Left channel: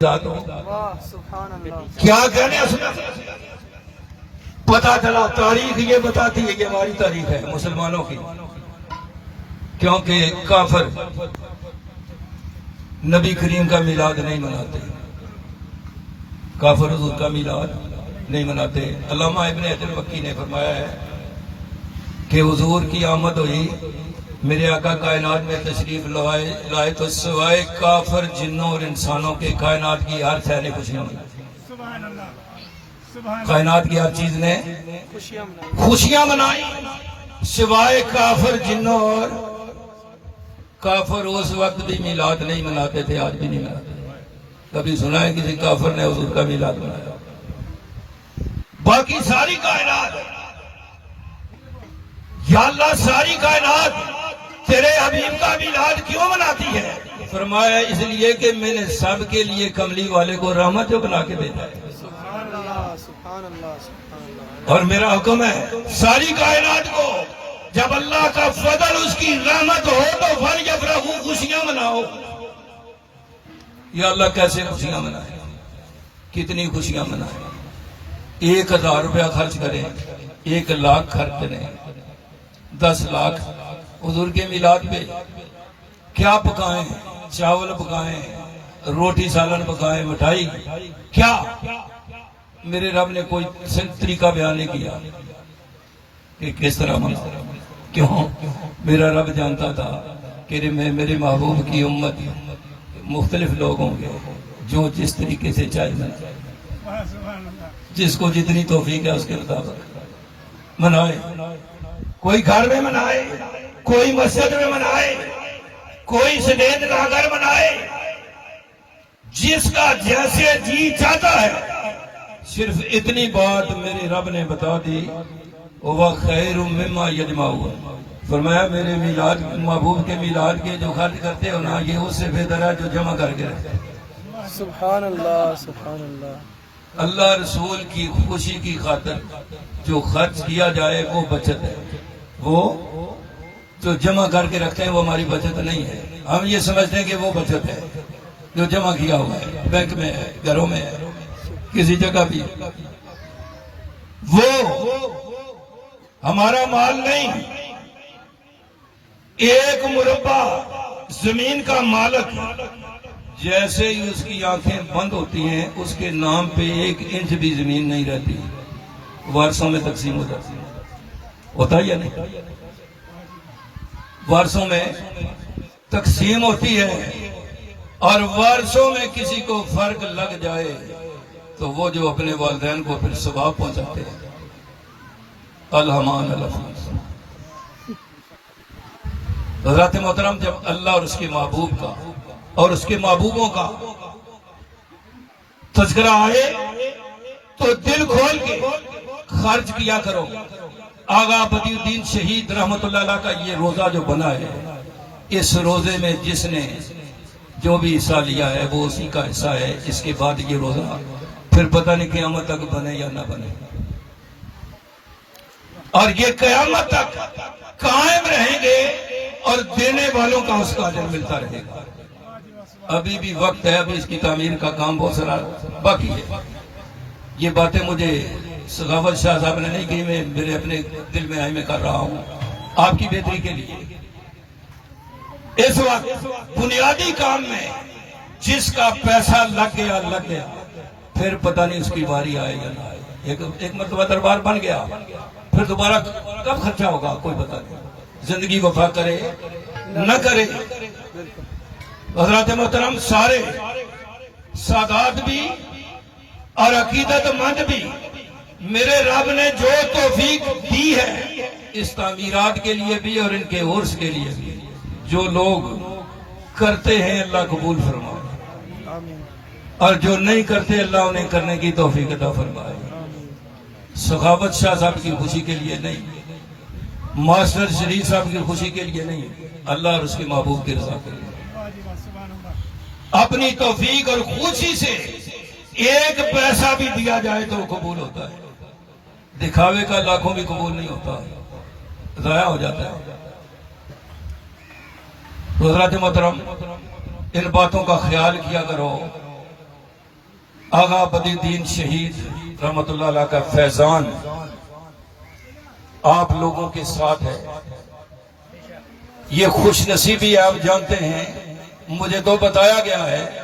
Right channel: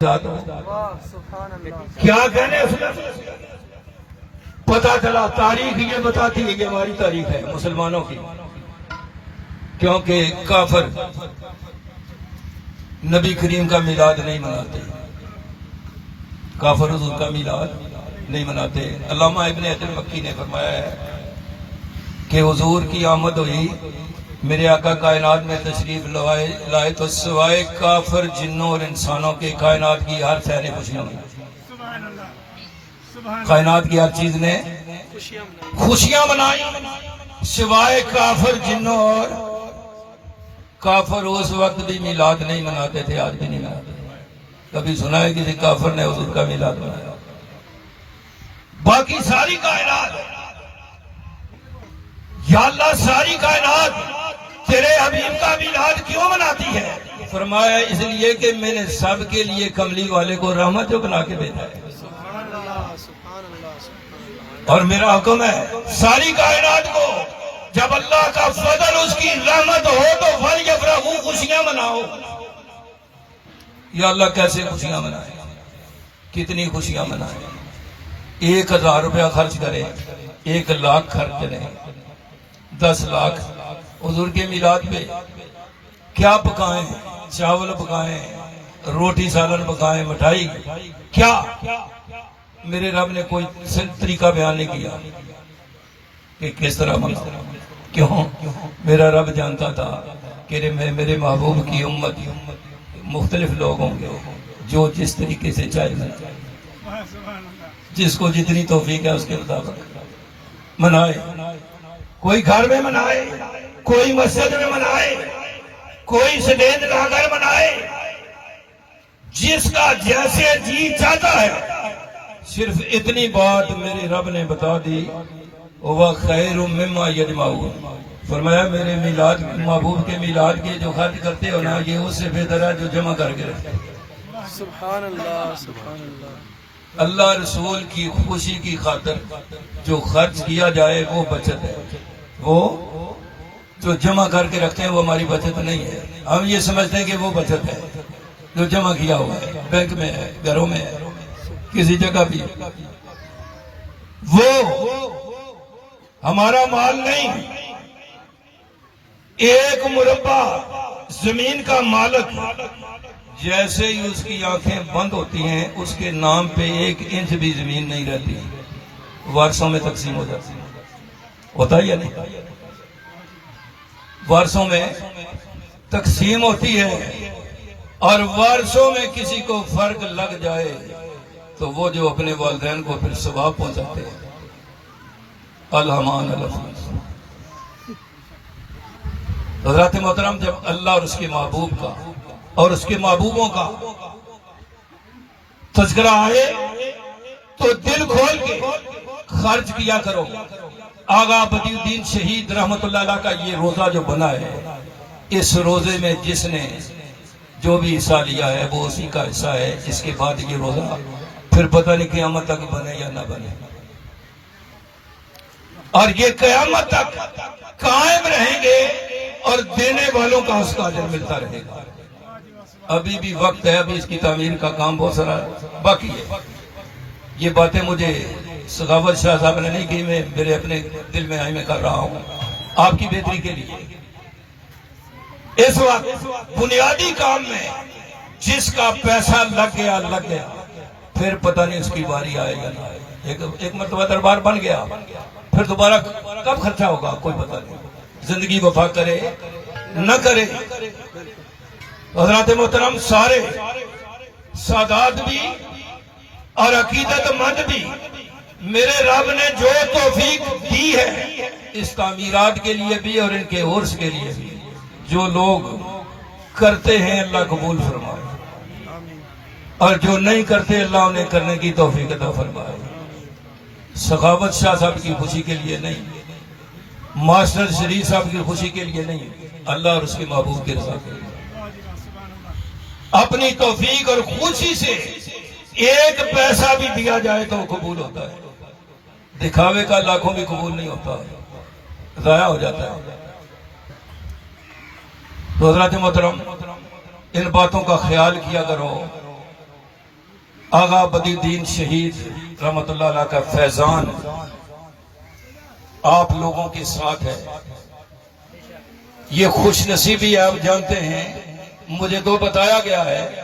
کیا کہنے پتا چلا تاریخ یہ بتاتی ہے، یہ ہماری تاریخ ہے مسلمانوں کی، کیونکہ کافر نبی کریم کا میلاد نہیں مناتے، کافر حضور کا میلاد نہیں مناتے۔ علامہ ابن حجر مکی نے فرمایا ہے کہ حضور کی آمد ہوئی، میرے آقا کائنات میں تشریف لائے تو سوائے کافر جنوں اور انسانوں کے کائنات کی ہر شے نے خوشیاں منائی، کائنات کی ہر چیز نے خوشیاں منائی سوائے کافر جنوں اور کافر اس وقت بھی میلاد نہیں مناتے تھے، آج بھی نہیں مناتے۔ کبھی سنا ہے کسی کافر نے حضور کا میلاد منایا؟ باقی ساری کائنات، یا اللہ ساری کائنات تیرے حبیب کا میلاد کیوں مناتی ہے؟ فرمایا اس لیے کہ میں نے سب کے لیے کملی والے کو رحمت بنا کے بھیجا ہے، اور میرا حکم ہے ساری کائنات کو جب اللہ کا فضل اس کی رحمت ہو تو فَلْيَفْرَحُوا خوشیاں مناؤ۔ یا اللہ کیسے خوشیاں منائیں، کتنی خوشیاں منائیں؟ 1000 روپیہ خرچ کریں، 1 لاکھ خرچ کریں، 10 لاکھ حضور کے میلاد پہ کیا پکائیں؟ چاول پکائیں، روٹی سالن پکائیں، مٹھائی، کیا؟ میرے رب نے کوئی طریقہ بیان نہیں کیا کہ کس طرح مناؤ۔ کیوں؟ میرا رب جانتا تھا کہ میرے محبوب کی امت مختلف لوگ ہوں گے جو جس طریقے سے چاہے منائے، جس کو جتنی توفیق ہے اس کے مطابق منائے۔ کوئی گھر میں منائے، کوئی مسجد میں منائے، کوئی سٹیج لا کر منائے، جس کا جیسے جی چاہتا ہے۔ صرف اتنی بات میرے رب نے بتا دی، وہ خیر مما یجمعون، فرمایا میرے میلاد محبوب کے میلاد کی جو خرچ کرتے ہو نا، یہ اس سے بہتر ہے جو جمع کر کے رکھتے۔ سبحان اللہ، سبحان اللہ۔ اللہ رسول کی خوشی کی خاطر جو خرچ کیا جائے وہ بچت ہے، وہ جو جمع کر کے رکھتے ہیں وہ ہماری بچت نہیں ہے۔ ہم یہ سمجھتے ہیں کہ وہ بچت ہے جو جمع کیا ہوا ہے، بینک میں ہے، گھروں میں ہے، کسی جگہ بھی۔ وہ ہمارا مال نہیں۔ ایک مربع زمین کا مالک جیسے ہی اس کی آنکھیں بند ہوتی ہیں اس کے نام پہ 1 انچ بھی زمین نہیں رہتی، وارثوں میں تقسیم ہو جاتی ہے۔ ہوتا یا نہیں؟ وارثوں میں تقسیم ہوتی ہے، اور وارثوں میں کسی کو فرق لگ جائے تو وہ جو اپنے والدین کو پھر ثواب پہنچاتے ہیں۔ الحمان الحمان۔ حضرت محترم، جب اللہ اور اس کے محبوب کا اور اس کے محبوبوں کا تذکرہ آئے تو دل کھول کے خرچ کیا کرو۔ آغا بدی الدین شہید رحمت اللہ علیہ کا یہ روزہ جو بنا ہے، اس روزے میں جس نے جو بھی حصہ لیا ہے وہ اسی کا حصہ ہے۔ اس کے بعد یہ روزہ پھر پتہ نہیں قیامت تک بنے یا نہ بنے، اور یہ قیامت تک قائم رہیں گے اور دینے والوں کا اس کا اجر ملتا رہے گا۔ ابھی بھی وقت ہے، ابھی اس کی تعمیر کا کام بہت سارا باقی ہے۔ یہ باتیں مجھے سخاوت شاہ صاحب نے نہیں کی، میں میرے اپنے دل میں آئی میں کر رہا ہوں آپ کی بہتری کے لیے۔ اس وقت بنیادی کام میں جس کا پیسہ لگ گیا پھر پتہ نہیں اس کی باری آئے یا نہ آئے۔ ایک مرتبہ دربار بن گیا، پھر دوبارہ کب خرچہ ہوگا کوئی پتہ نہیں، زندگی وفا کرے نہ کرے۔ حضرات محترم، سارے سادات بھی اور عقیدت مند بھی میرے رب نے جو توفیق دی ہے اس تعمیرات کے لیے بھی اور ان کے عرس کے لیے بھی، جو لوگ کرتے ہیں اللہ قبول فرمائے، اور جو نہیں کرتے اللہ انہیں کرنے کی توفیق عطا فرمائے۔ سخاوت شاہ صاحب کی خوشی کے لیے نہیں، ماسٹر شریف صاحب کی خوشی کے لیے نہیں، اللہ اور اس کے محبوب کے رضا کے لیے۔ اپنی توفیق اور خوشی سے 1 پیسہ بھی دیا جائے تو قبول ہوتا ہے، دکھاوے کا لاکھوں بھی قبول نہیں ہوتا ہے، ضائع ہو جاتا ہے۔ تو حضرات محترم، ان باتوں کا خیال کیا کرو آغا بدی الدین شہید رحمت اللہ علیہ کا فیضان آپ لوگوں کے ساتھ ہے. یہ خوش نصیبی آپ جانتے ہیں. مجھے تو بتایا گیا ہے